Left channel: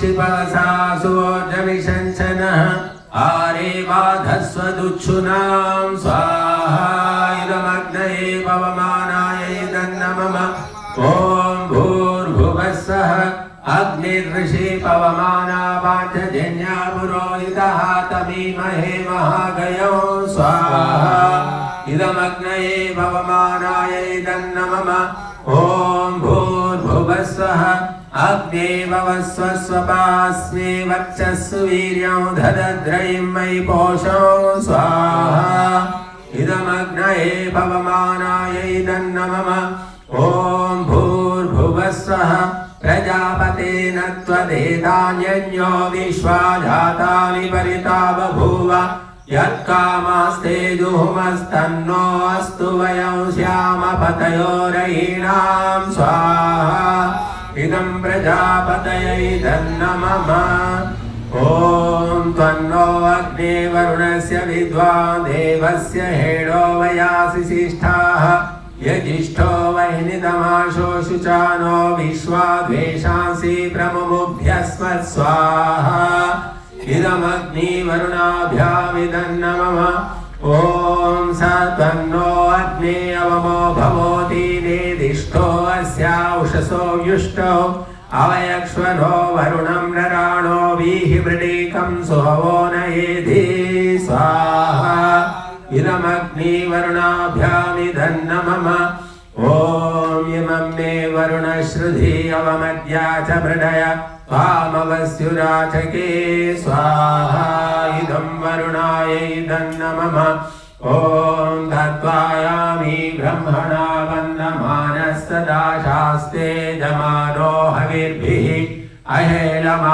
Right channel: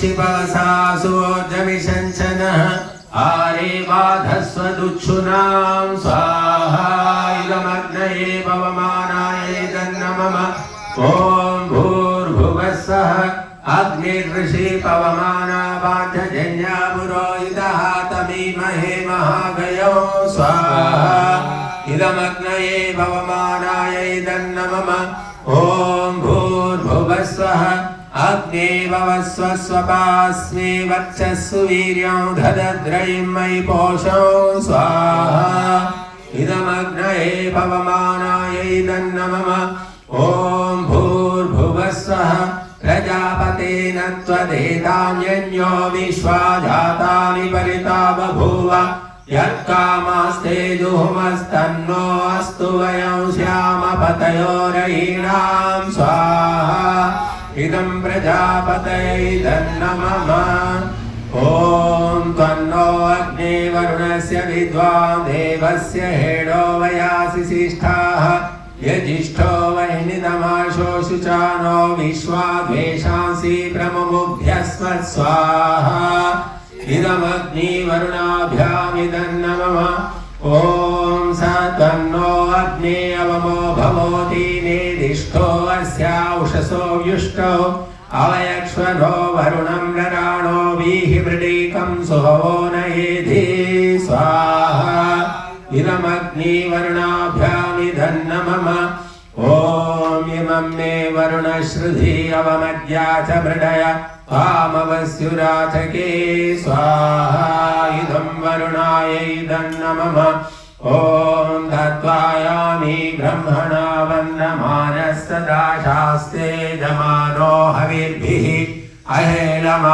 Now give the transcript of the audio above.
शिवसासुर्जविशंसनः आरे बाधस्वदुच्छुनां स्वाहा इदमग्नये पवमानाय दन्नमम ॐ भूर्भुवस्सः अग्निर्ऋषि पवमाना पाञ्चजन्या पुरोहितः तमीमहे महागयो स्वाहा इदमग्नये पवमानाय दन्नमम ॐ भूर्भुवस्सः अग्ने ववस्व स्वपास्मे वर्चस्सु वीर्यं ददद्रयिं मयि पोषौ स्वाहा इदमग्नये पवमानाय दन्नमम ॐ भूर्भुवस्वः प्रजापतेन त्वदेतान्यन्यो विश्वा जातानि परिता बभूव यत्कामास्ते जुहुमस्तन्नो अस्तु वयं श्यामपतयोरयीणां स्वाहा इदं प्रजापतये दन्नमम ॐ त्वन्नो अग्ने वरुणस्य विद्वान् देवस्य हेडो वयासि सिष्ठाः यजिष्ठो वह्नितमाशोषुचानो विश्वा द्वेषांसि प्रमुमुभ्यस्म स्वाहा इदमग्नि वरुणाभ्यामिदन्नमम ॐ स तन्नो अग्ने अवमो भवोति नेदिष्ठो अस्याउषसो व्युष्टो अवयक्ष्वनो वरुणं नराणो वीहिवृडीकं सुहवो नयेधि स्वाहा इदमग्नि वरुणाभ्यामिदन्नमम ॐ इमं मे वरुणश्रुधि अवमद्या च मृडय वामवस्युराचके स्वाहा इदं वरुणायै दन्नमम ॐ दत्वायामि ब्रह्मणा वन्दमानस्तदा शास्ते दमानो हविर्भिः अहेलमा